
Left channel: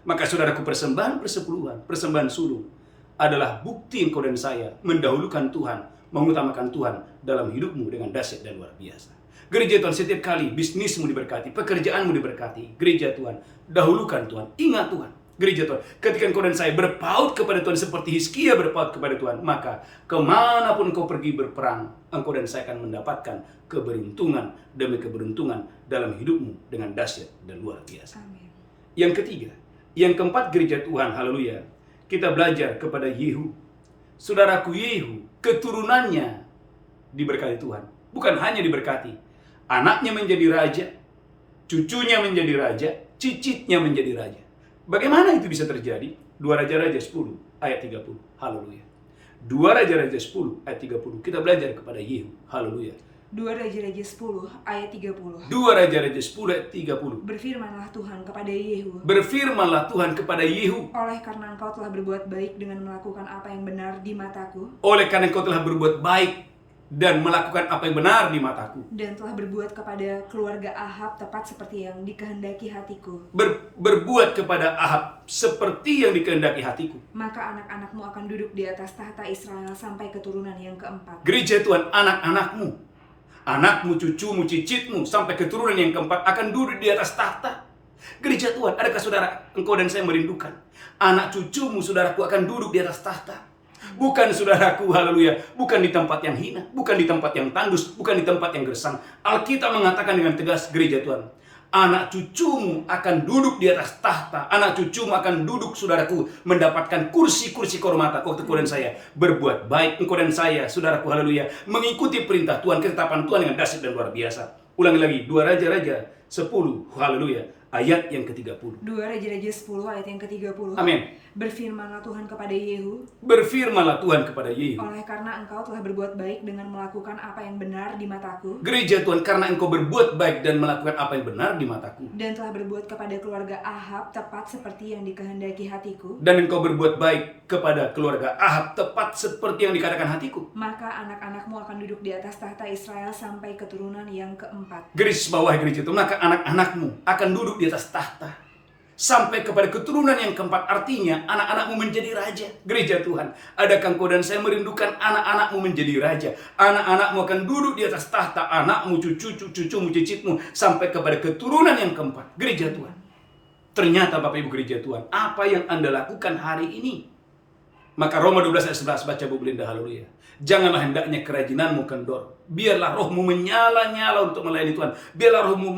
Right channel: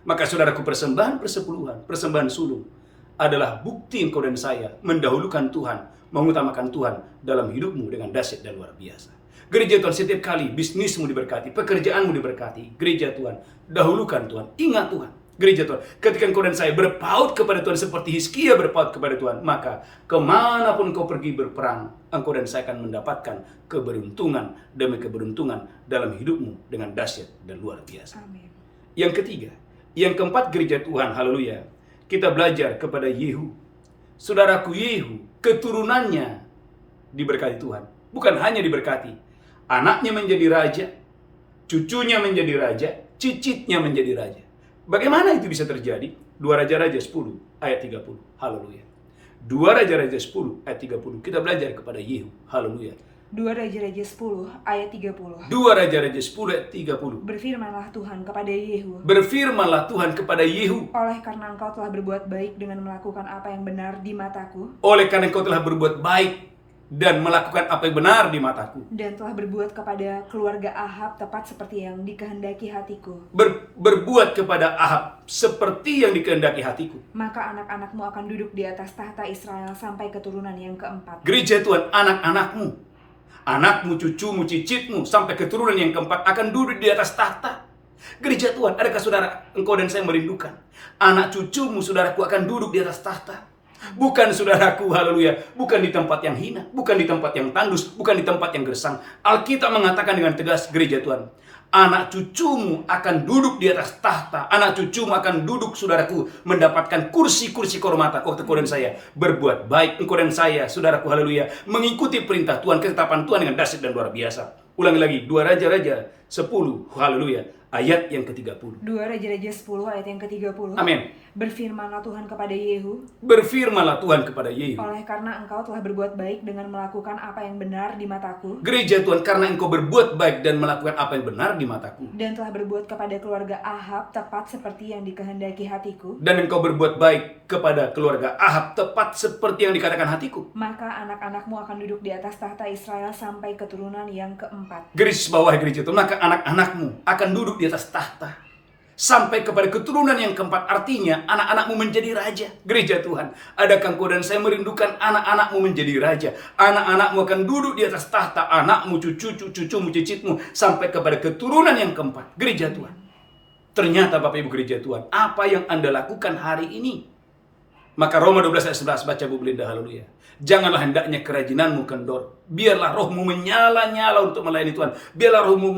Maka saudaraku, persembahan persepuluhan, persembahan sulung adalah bukti engkau dan saya mendahulukan Tuhan, mengutamakan Tuhan dalam hidupmu dengan dahsyat dan luar biasa. Gereja Tuhan, setiap kali bisnismu diberkati, pekerjaanmu diberkati, gereja Tuhan, dahulukan Tuhan, ingat Tuhan. Gereja Tuhan, ketika engkau dan saya berpaut kepada Tuhan seperti Hizkia berpaut kepada Tuhan, maka kemanapun engkau pergi berperang, engkau dan saya akan mendapatkan keberuntungan demi keberuntungan dalam hidupmu dengan dahsyat dan luar biasa. Amin. Yang ketiga, yang keempat, gereja Tuhan, haleluya, kita belajar kepada Yehu. Saudaraku, Yehu, keturunannya diberkati Tuhan. Bukan hanya diberkati, anaknya menjadi raja, cucunya menjadi raja, cicitnya menjadi raja. Bagaimana itu bisa terjadi? 2 Raja-Raja 10 ayat 30. Haleluya. 2 Raja-Raja 10 ayat 30. Kita belajar kepada Yehu. Haleluya. 2 Raja-Raja 10 ayat 30. 2 Raja-Raja 10 ayat 30. Berfirmanlah Tuhan kepada Yehu, Berfirmanlah Tuhan kepada Yehu, oleh karena engkau telah berbuat baik dengan melakukan apa yang benar di mataku, oleh karena engkau telah berbuat baik dan melakukan apa yang benar di mataku, dan telah berbuat kepada keluarga Ahab tepat seperti yang dikehendaki hatiku, berbuat kepada Ahab seperti yang dikehendaki hatiku. maka anak-anakmu akan duduk di atas tahta Israel sampai keturunan yang keempat. Gereja Tuhan, anak-anakmu, anakmu, cucumu, cicitmu, sampai keturunan yang keempat akan duduk di atas tahta. Gereja Tuhan, adakah saudara, engkau dan saya merindukan anak cucumu, saudaraku, akan duduk di atas tahta? Bukan, saudaraku, haleluya, bukan di tempat yang hina, bukan di tempat yang tandus, bukan di tempat yang gersang. Alkitab mengatakan dengan tegas, gereja Tuhan, anak cucumu akan duduk di atas tahta. Anak cucumu akan duduk, saudaraku, mendapatkan kursi-kursi kehormatan. Waktu engkau dan saya berbuat baik, engkau dan saya, saudaraku, haleluya, mengikuti perintah Tuhan, ketetapan Tuhan dengan dahsyat dan luar biasa. Ulangi lagi, 2 Raja-Raja 10, haleluya, ayat yang ke-30. 2 Raja-Raja 10 ayat yang ke-30. Amin. Berfirmanlah Tuhan kepada Yehu, Berfirmanlah Tuhan kepada Yehu, oleh karena engkau telah berbuat baik dengan melakukan apa yang benar di mataku, gereja Tuhan, karena engkau berbuat baik dan melakukan apa yang benar di mataku, dan telah berbuat kepada keluarga Ahab tepat seperti yang dikehendaki hatiku, dan engkau berbuat baik kepada keluarga Ahab tepat seperti yang dikatakan hatiku. maka anak-anakmu akan duduk di atas tahta Israel sampai keturunan yang keempat. Garis bawah, gereja Tuhan, maka anak-anakmu akan duduk di atas tahta sampai kepada keturunan yang keempat. Artinya anak-anakmu menjadi raja. Gereja Tuhan, adakah engkau dan saya merindukan anak-anakmu menjadi raja? Anak-anakmu akan duduk di atas tahta, anakmu, cucumu, cicitmu, sampai kepada keturunan yang keempat. Gereja Tuhan, ternyata Bapak Ibu gereja Tuhan, apa yang Anda lakukan hari ini? Maka Roma 12 ayat 11, baca Bu Belinda, haleluya. Janganlah hendaknya kerajinanmu kendor. Biarlah rohmu menyala-nyala untuk melayani Tuhan. Biarlah rohmu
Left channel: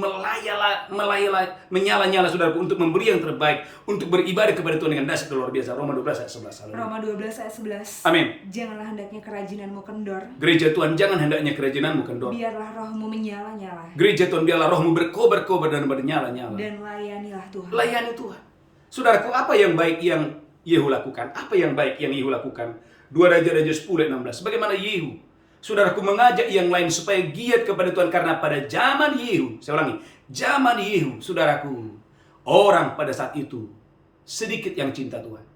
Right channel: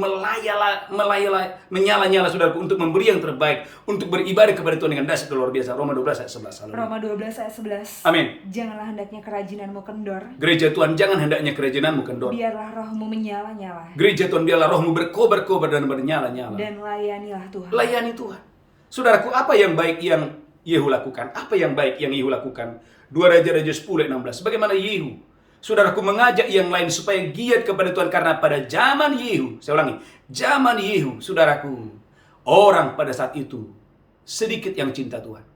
menyala-nyala, saudaraku, untuk memberi yang terbaik, untuk beribadah kepada Tuhan dengan dahsyat luar biasa. Roma 12 ayat 11, haleluya. Roma 12 ayat 11. Amin. Janganlah hendaknya kerajinanmu kendor. Gereja Tuhan, jangan hendaknya kerajinanmu kendor. Biarlah rohmu menyala-nyala. Gereja Tuhan, biarlah rohmu berkobar-kobar dan bernyala-nyala. Dan layanilah Tuhan. Layani Tuhan. Saudaraku, apa yang baik yang Yehu lakukan? Apa yang baik yang Yehu lakukan? 2 Raja-Raja 10 ayat 16. Bagaimana Yehu, Saudaraku, mengajak yang lain supaya giat kepada Tuhan. Karena pada zaman Yehu, saya ulangi, zaman Yehu, saudaraku, orang pada saat itu sedikit yang cinta Tuhan.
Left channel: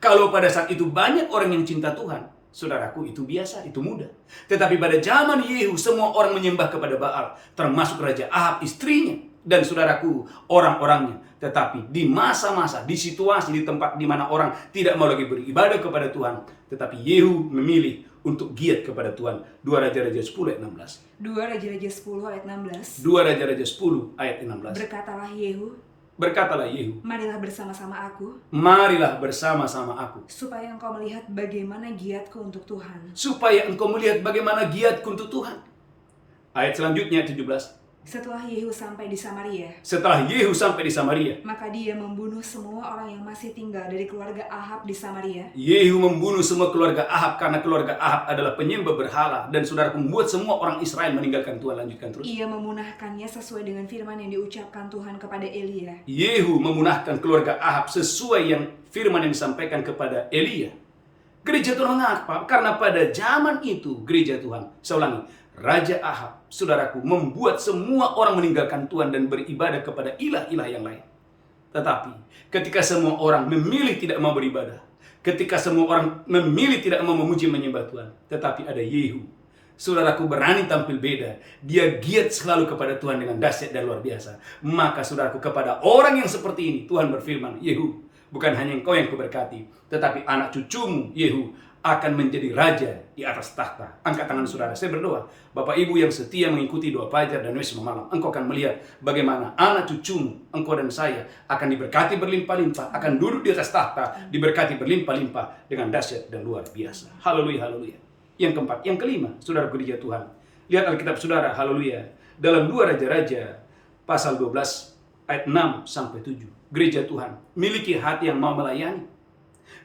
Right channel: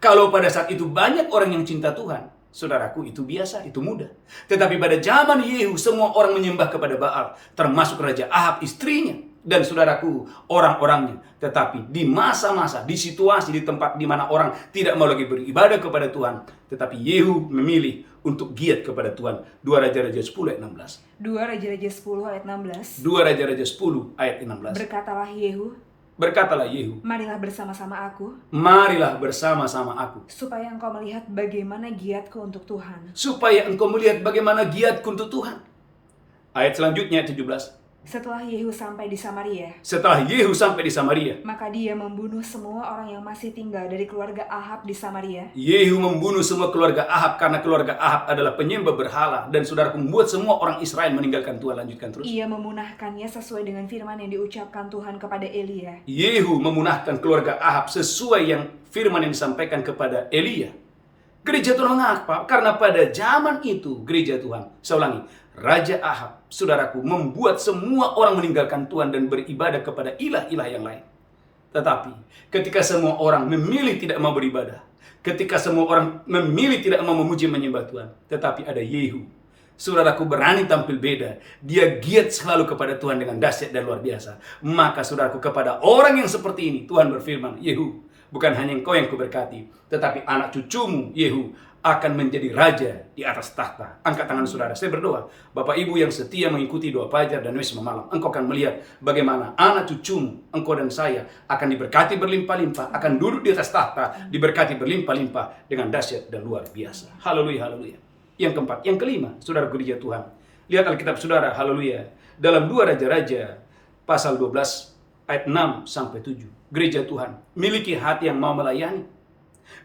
Kalau pada saat itu banyak orang yang cinta Tuhan, saudaraku, itu biasa, itu mudah. Tetapi pada zaman Yehu, semua orang menyembah kepada Baal, termasuk Raja Ahab, istrinya, dan saudaraku, orang-orangnya. Tetapi di masa-masa, di situasi, di tempat di mana orang tidak mau lagi beribadah kepada Tuhan, tetapi Yehu memilih untuk giat kepada Tuhan. 2 Raja-Raja 10 ayat 16. 2 Raja-Raja 10 ayat 16. 2 Raja-Raja 10 ayat 16. Berkatalah Yehu, marilah bersama-sama aku, marilah bersama-sama aku, supaya engkau melihat bagaimana giatku untuk Tuhan. supaya engkau melihat bagaimana giatku untuk Tuhan. Ayat selanjutnya 17. Setelah Yehu sampai di Samaria, Setelah Yehu sampai di Samaria, maka dia membunuh semua orang yang masih tinggal dari keluarga Ahab di Samaria. Yehu membunuh semua keluarga Ahab karena keluarga Ahab adalah penyembah berhala, dan saudaraku, membuat semua orang Israel meninggalkan Tuhan. Lanjutkan terus. Ia memunahkannya sesuai dengan firman yang diucapkan Tuhan kepada Elia. Yehu memunahkan keluarga Ahab sesuai yang firman yang disampaikan kepada Elia. Gereja Tuhan mengapa? Karena pada zaman itu gereja Tuhan, saya ulangi, Raja Ahab, saudaraku, membuat semua orang meninggalkan Tuhan dan beribadah kepada ilah-ilah yang lain. Tetapi ketika semua orang memilih tidak mau beribadah, ketika semua orang memilih tidak mau memuji menyembah Tuhan, tetapi ada Yehu, saudaraku, berani tampil beda. Dia giat selalu kepada Tuhan dengan dahsyat dan luar biasa. Maka saudaraku, kepada orang yang seperti ini Tuhan berfirman, Yehu, bukan hanya engkau yang kuberkati, tetapi anak cucumu Yehu akan menjadi raja di atas tahta. Angkat tangan saudara, saya berdoa. Bapak Ibu yang setia mengikuti doa fajar dan wisma malam, engkau akan melihat bagaimana anak cucumu, engkau dan saya, akan diberkati berlimpah-limpah, akan duduk di atas tahta, diberkati berlimpah-limpah dengan dahsyat dan luar biasa. Haleluya, haleluya. Yang keempat, yang kelima, saudara gereja Tuhan. Lihat Alkitab saudara, haleluya. Dalam 2 Raja-Raja pasal 12 ayat 6 sampai 7. Gereja Tuhan miliki hati yang mau melayani.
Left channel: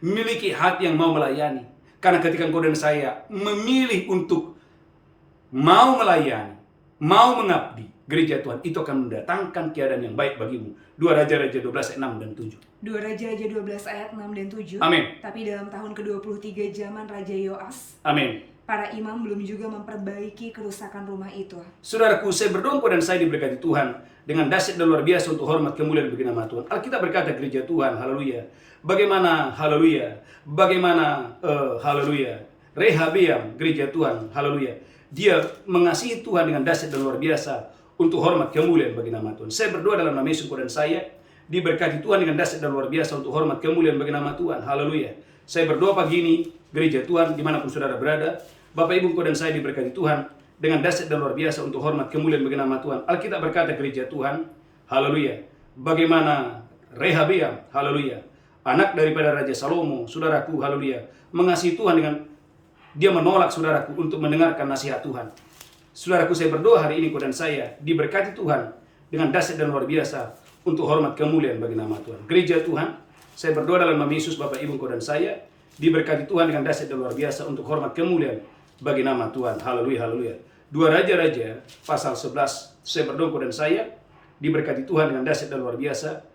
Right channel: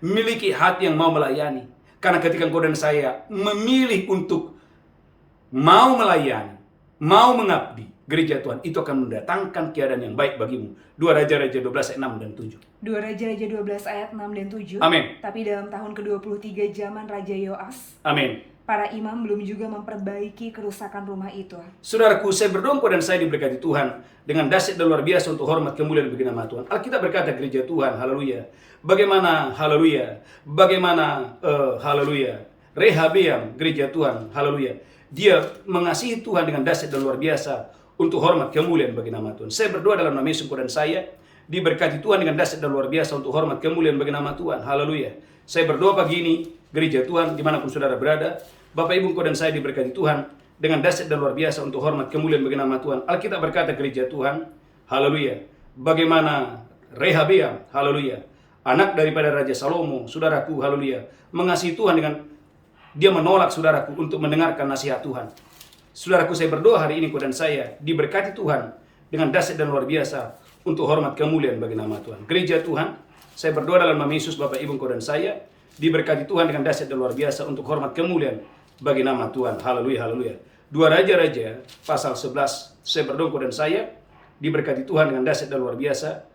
Miliki hati yang mau melayani. Karena ketika engkau dan saya memilih untuk mau melayani, mau mengabdi, gereja Tuhan itu akan mendatangkan keadaan yang baik bagimu. 2 Raja-Raja 12 ayat 6 dan 7. 2 Raja-Raja 12 ayat 6 dan 7. Amin. Tapi dalam tahun ke-23 zaman Raja Yoas, Amin. para imam belum juga memperbaiki kerusakan rumah itu. Saudaraku, saya berdoa engkau dan saya diberkati Tuhan dengan dahsyat dan luar biasa untuk hormat kemuliaan bagi nama Tuhan. Alkitab berkata gereja Tuhan, haleluya. Bagaimana, haleluya. Bagaimana, haleluya. Rehabeam, gereja Tuhan, haleluya. Dia mengasihi Tuhan dengan dahsyat dan luar biasa untuk hormat kemuliaan bagi nama Tuhan. Saya berdoa dalam nama Yesus engkau dan saya diberkati Tuhan dengan dahsyat dan luar biasa untuk hormat kemuliaan bagi nama Tuhan. Haleluya. Saya berdoa pagi ini, gereja Tuhan, dimanapun saudara berada, Bapak Ibu engkau dan saya diberkati Tuhan dengan dahsyat dan luar biasa untuk hormat kemuliaan bagi nama Tuhan. Alkitab berkata gereja Tuhan, haleluya. Bagaimana Rehabeam, haleluya, anak daripada Raja Salomo, saudaraku, haleluya, mengasihi Tuhan dengan dia menolak saudaraku untuk mendengarkan nasihat Tuhan. Saudaraku, saya berdoa hari ini engkau dan saya diberkati Tuhan dengan dahsyat dan luar biasa untuk hormat kemuliaan bagi nama Tuhan. Gereja Tuhan, saya berdoa dalam nama Yesus, Bapak Ibu engkau dan saya diberkati Tuhan dengan dahsyat dan luar biasa untuk hormat kemuliaan bagi nama Tuhan. Haleluya, haleluya. 2 Raja-Raja pasal 11, saya berdoa engkau dan saya diberkati Tuhan dengan dahsyat dan luar biasa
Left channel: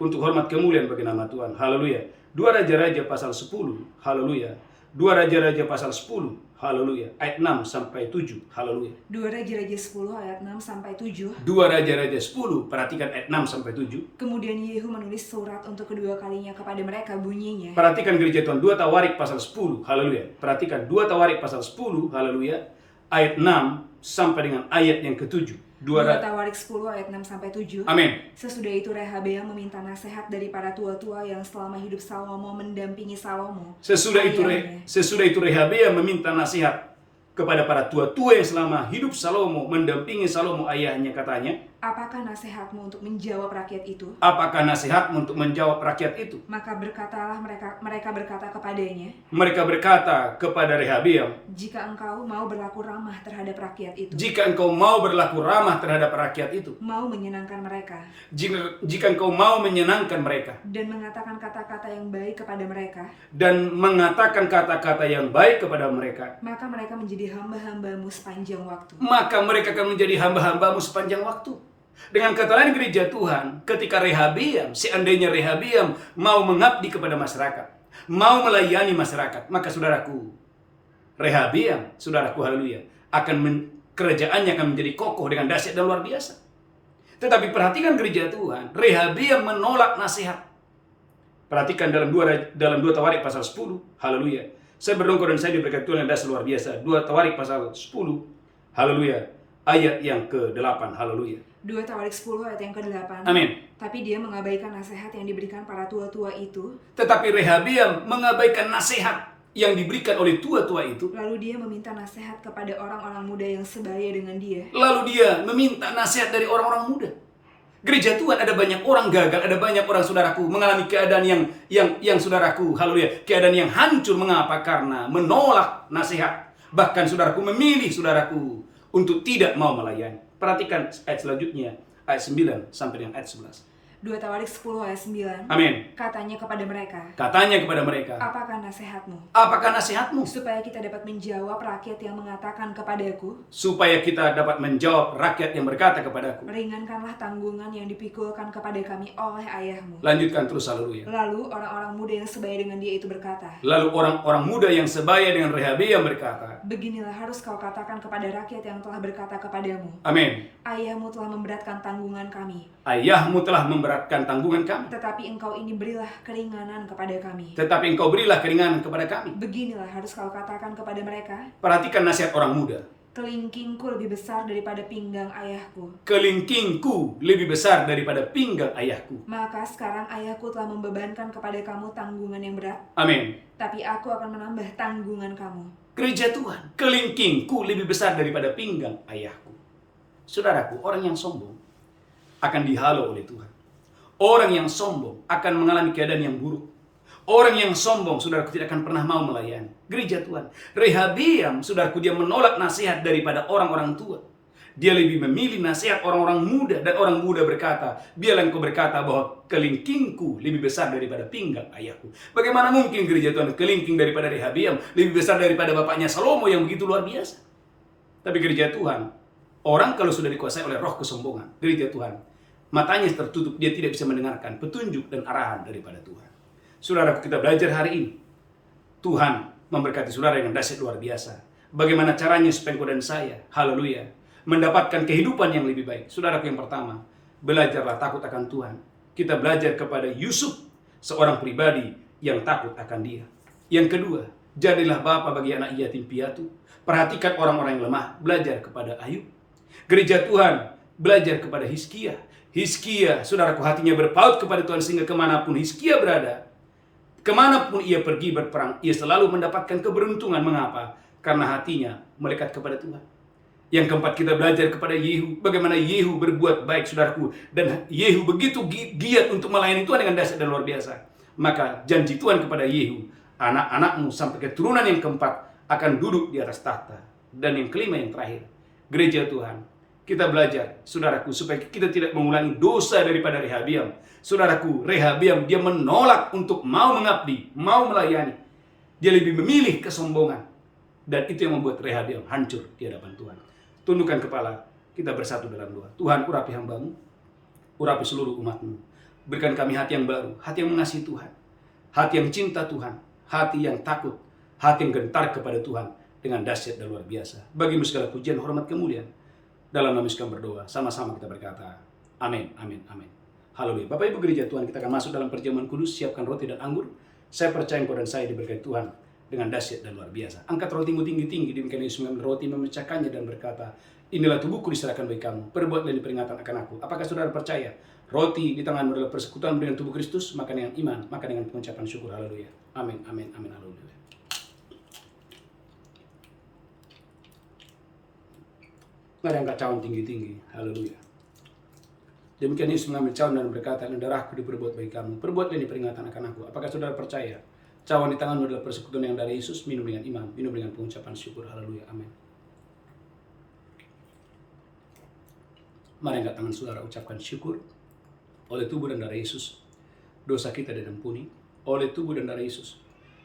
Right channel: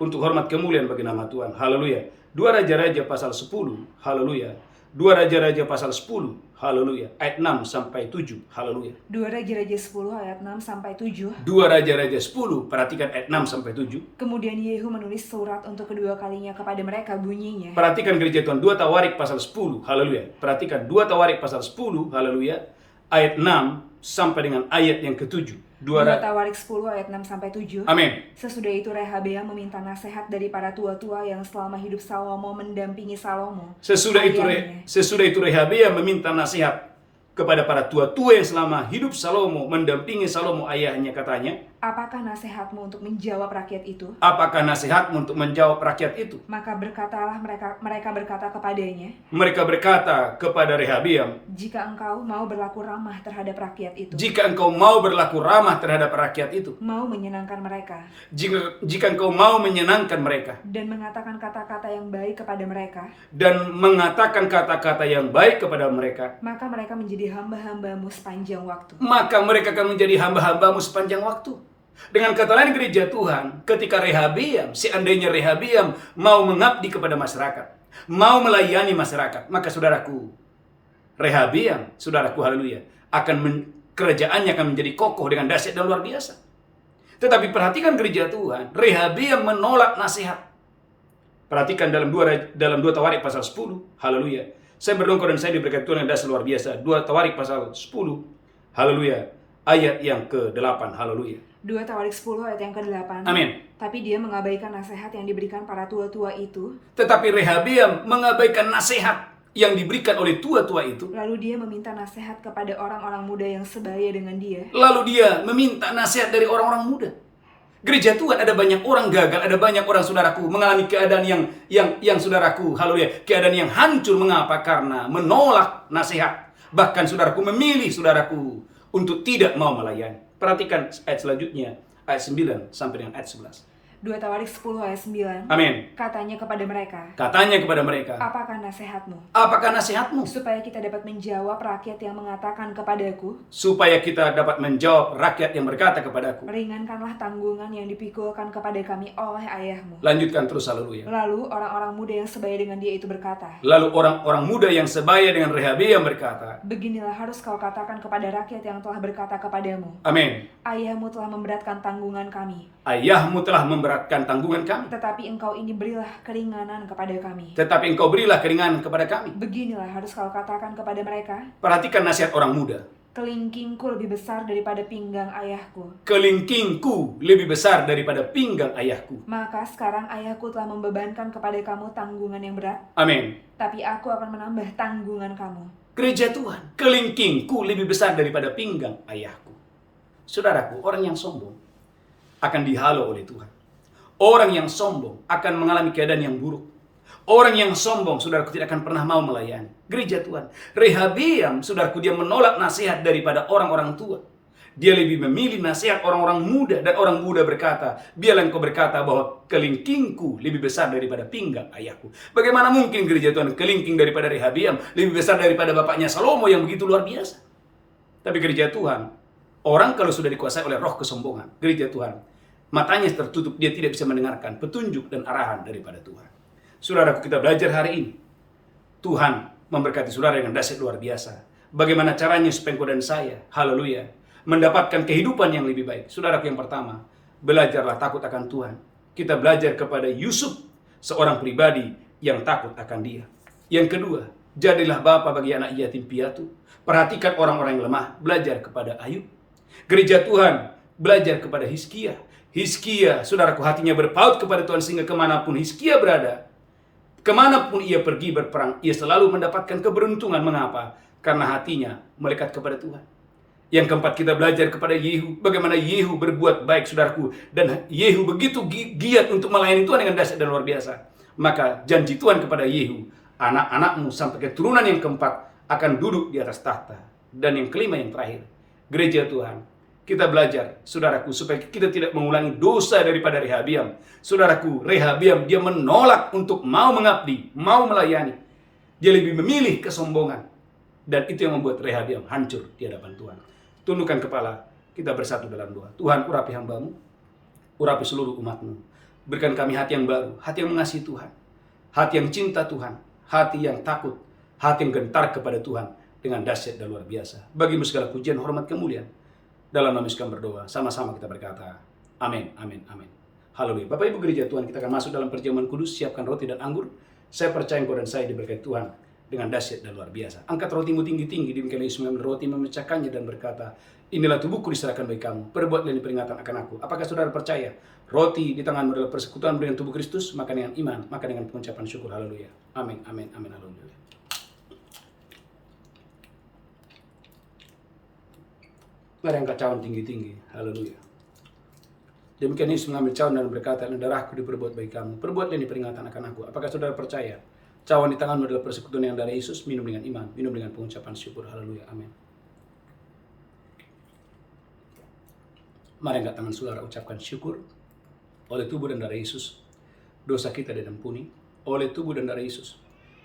untuk hormat kemuliaan bagi nama Tuhan. Haleluya. 2 Raja-Raja pasal 10, haleluya. 2 Raja-Raja pasal 10, haleluya, ayat 6 sampai 7, haleluya. 2 Raja-Raja 10 ayat 6 sampai 7. 2 Raja-Raja 10, perhatikan ayat 6 sampai 7. Kemudian Yehu menulis surat untuk kedua kalinya kepada mereka, bunyinya. Perhatikan gereja Tuhan, 2 Tawarik pasal 10, haleluya. Perhatikan 2 Tawarik pasal 10, haleluya, ayat 6 sampai dengan ayat yang ke-7. 2 Tawarik 10 ayat 6 sampai 7. Amin. Sesudah itu Rehabeam meminta nasihat dari para tua-tua yang selama hidup Salomo mendampingi Salomo. Sesudah itu Rehabeam meminta nasihat kepada para tua-tua yang selama hidup Salomo mendampingi Salomo ayahnya, katanya, apakah nasihatmu untuk menjawab rakyat itu? apakah nasihatmu untuk menjawab rakyat itu? Maka berkatalah mereka berkata kepadanya, Mereka berkata kepada Rehabeam, jika engkau mau berlaku ramah terhadap rakyat itu, jika engkau mau berlaku ramah terhadap rakyat itu, mau menyenangkan mereka, jika engkau mau menyenangkan mereka, dan mengatakan kata-kata yang baik kepada mereka, dan mengatakan kata-kata yang baik kepada mereka, maka mereka menjadi hamba-hambamu sepanjang waktu. maka mereka akan menjadi hamba-hambamu sepanjang waktu. Dengan kata lain gereja Tuhan, ketika Rehabeam, seandainya Rehabeam mau mengabdi kepada masyarakat, mau melayani masyarakat, maka saudaraku, Rehabeam, saudaraku, haleluya, kerajaannya akan menjadi kokoh dengan dahsyat dan luar biasa. Tetapi perhatikan gereja Tuhan, Rehabeam menolak nasihat. Perhatikan dalam 2 Tawarik pasal 10, haleluya. Saya berdoa dan saya diberkati Tuhan yang dahsyat luar biasa. 2 Tawarik pasal 10, haleluya, ayat yang ke-8, haleluya. 2 Tawarik 10 ayat yang ke-8. Amin. Tapi dia mengabaikan nasihat yang diberikan para tua-tua itu. Tetapi Rehabeam mengabaikan nasihat yang diberikan oleh tua-tua itu. Lalu dia meminta nasihat kepada orang-orang muda yang sebaya dengan dia. Lalu dia meminta nasihat dari orang-orang muda. Gereja Tuhan ada banyak orang gagal, ada banyak orang saudaraku mengalami keadaan yang saudaraku, haleluya, keadaan yang hancur. Mengapa? Karena menolak nasihat. Bahkan saudaraku memilih saudaraku untuk tidak mau melayani. Perhatikan ayat selanjutnya, ayat 9 sampai dengan ayat 11. 2 Tawarik 10 ayat 9. Amin. Katanya kepada mereka. Katanya kepada mereka. Apakah nasihatmu? Apakah nasihatmu? Supaya kita dapat menjawab rakyat yang mengatakan kepadaku. Supaya kita dapat menjawab rakyat yang berkata kepadaku. Ringankanlah tanggungan yang dipikulkan kepada kami oleh ayahmu. Lanjutkan terus, haleluya. Lalu orang-orang muda yang sebaya dengan dia itu berkata. Lalu orang-orang muda yang sebaya dengan Rehabeam berkata. Beginilah harus kau katakan kepada rakyat yang telah berkata kepadamu. Amin. Ayahmu telah memberatkan tanggungan kami. Ayahmu telah memberatkan tanggungan kami. Tetapi engkau ini berilah keringanan kepada kami. Tetapi engkau berilah keringanan kepada kami. Beginilah harus kau katakan kepada mereka. Perhatikan nasihat orang muda. Kelingkingku lebih besar daripada pinggang ayahku. Kelingkingku lebih besar daripada pinggang ayahku. Maka sekarang ayahku telah membebankan kepada kamu tanggungan yang berat. Amin. Tapi aku akan menambah tanggungan kamu. Gereja Tuhan, kelingkingku lebih besar daripada pinggang ayahku. Saudaraku, orang yang sombong akan dihalau oleh Tuhan. Orang yang sombong akan mengalami keadaan yang buruk. Orang yang sombong, saudaraku, tidak akan pernah mau melayani. Gereja Tuhan, Rehabeam, saudaraku, dia menolak nasihat daripada orang-orang tua. Dia lebih memilih nasihat orang-orang muda. Dan orang muda berkata, biarlah engkau berkata bahwa kelingkingku lebih besar daripada pinggang ayahku. Bagaimana mungkin gereja Tuhan, kelingking daripada Rehabeam lebih besar daripada bapaknya Salomo yang begitu luar biasa. Tapi gereja Tuhan, orang kalau sudah dikuasai oleh roh kesombongan, gereja Tuhan, matanya tertutup, dia tidak bisa mendengarkan petunjuk dan arahan daripada Tuhan. Saudaraku, kita belajar hari ini. Tuhan memberkati saudara dengan dahsyat luar biasa. Bagaimana caranya supaya engkau dan saya, haleluya, mendapatkan kehidupan yang lebih baik. Saudaraku, yang pertama, belajarlah takut akan Tuhan. Kita belajar kepada Yusuf, seorang pribadi yang takut akan Dia. Yang kedua, jadilah bapa bagi anak yatim piatu. Perhatikan orang-orang yang lemah, belajar kepada Ayub. Gereja Tuhan, belajar kepada Hizkia. Hizkia, saudaraku, hatinya berpaut kepada Tuhan sehingga kemanapun Hizkia berada, kemanapun ia pergi berperang, ia selalu mendapatkan keberuntungan. Mengapa? Karena hatinya melekat kepada Tuhan. Yang keempat, kita belajar kepada Yehu. Bagaimana Yehu berbuat baik, saudaraku. Dan Yehu begitu giat untuk melayani Tuhan dengan dahsyat dan luar biasa. Maka janji Tuhan kepada Yehu, anak-anakmu sampai keturunan yang keempat akan duduk di atas tahta. Dan yang kelima, yang terakhir, gereja Tuhan, kita belajar, saudaraku, supaya kita tidak mengulangi dosa daripada Rehabeam. Saudaraku, Rehabeam, dia menolak untuk mau mengabdi, mau melayani. Dia lebih memilih kesombongan. Dan itu yang membuat Rehabeam hancur di hadapan Tuhan. Tundukkan kepala, kita bersatu dalam doa. Tuhan, urapi hamba-Mu, urapi seluruh umat-Mu. Berikan kami hati yang baru, hati yang mengasihi Tuhan, hati yang cinta Tuhan, hati yang takut, hati yang gentar kepada Tuhan dengan dahsyat dan luar biasa. Bagimu segala pujian, hormat, kemuliaan. Dalam nama Yesus kami berdoa, sama-sama kita berkata, amin, amin, amin. Haleluya. Bapak Ibu gereja Tuhan, kita akan masuk dalam perjamuan kudus, siapkan roti dan anggur. Saya percaya engkau dan saya diberkati Tuhan dengan dahsyat dan luar biasa. Angkat rotimu tinggi-tinggi, demikian Yesus mengambil roti, memecahkannya dan berkata, inilah tubuhku diserahkan bagi kamu, perbuatlah ini peringatan akan aku. Apakah saudara percaya roti di tanganmu adalah persekutuan dengan tubuh Kristus? Maka dengan iman, maka dengan pengucapan syukur. Haleluya. Amin, amin, amin, haleluya. Mari angkat cawan tinggi-tinggi. Haleluya. Demikian Yesus mengambil cawan dan berkata, darahku diperbuat bagi kamu, perbuatlah ini peringatan akan aku. Apakah saudara percaya cawan di tanganmu adalah persekutuan yang dari Yesus? Minum dengan iman, minum dengan pengucapan syukur. Haleluya, amin. Mari angkat tangan saudara, ucapkan syukur. Oleh tubuh dan darah Yesus, dosa kita diampuni. Oleh tubuh dan darah Yesus,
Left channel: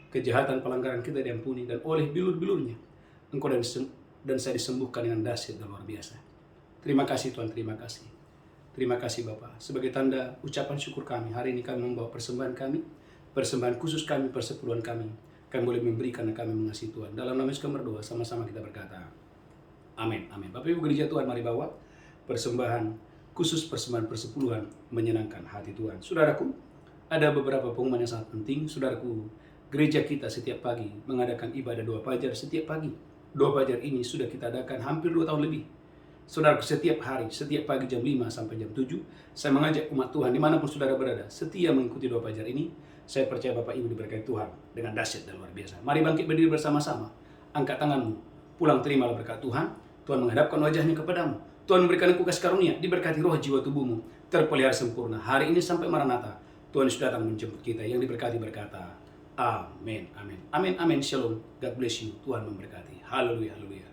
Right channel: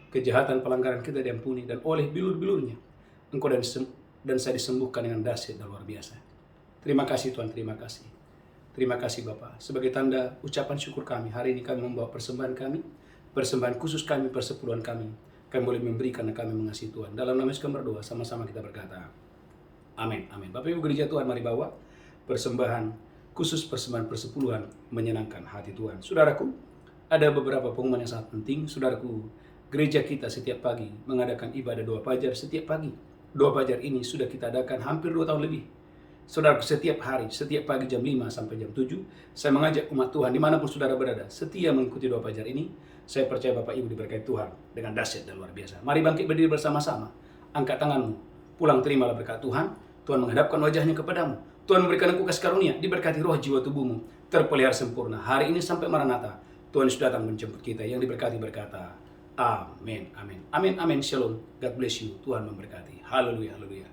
kejahatan pelanggaran kita diampuni. Dan oleh bilur-bilurnya, engkau dan saya disembuhkan dengan dahsyat dan luar biasa. Terima kasih Tuhan, terima kasih. Terima kasih Bapa. Sebagai tanda ucapan syukur kami, hari ini kami membawa persembahan kami, persembahan khusus kami, persepuluhan kami. Kami boleh memberi karena kami mengasihi Tuhan. Dalam nama Yesus kami berdoa, sama-sama kita berkata, amin, amin. Bapak Ibu gereja Tuhan, mari bawa persembahan khusus, persembahan persepuluhan menyenangkan hati Tuhan. Saudaraku, ada beberapa pengumuman yang sangat penting. Saudaraku, gereja kita setiap pagi mengadakan ibadah doa fajar setiap pagi. Doa fajar ini sudah kita adakan hampir 2 tahun lebih. Saudaraku, setiap hari, setiap pagi jam 5 sampai jam 7, saya mengajak umat Tuhan dimanapun saudara berada, setia mengikuti doa fajar ini. Saya percaya Bapak Ibu diberkati Tuhan dengan dahsyat dan luar biasa. Mari bangkit berdiri bersama-sama. Angkat tanganmu, pulang terimalah berkat Tuhan. Tuhan menghadapkan wajahnya kepadamu. Tuhan memberikan engkau kasih karunia, diberkati roh jiwa tubuhmu, terpelihara sempurna. Hari ini sampai Maranatha, Tuhan sudah datang menjemput kita. Yang diberkati berkata, amin, amin, amin, amin, shalom, God bless you, Tuhan memberkati. Haleluya, haleluya.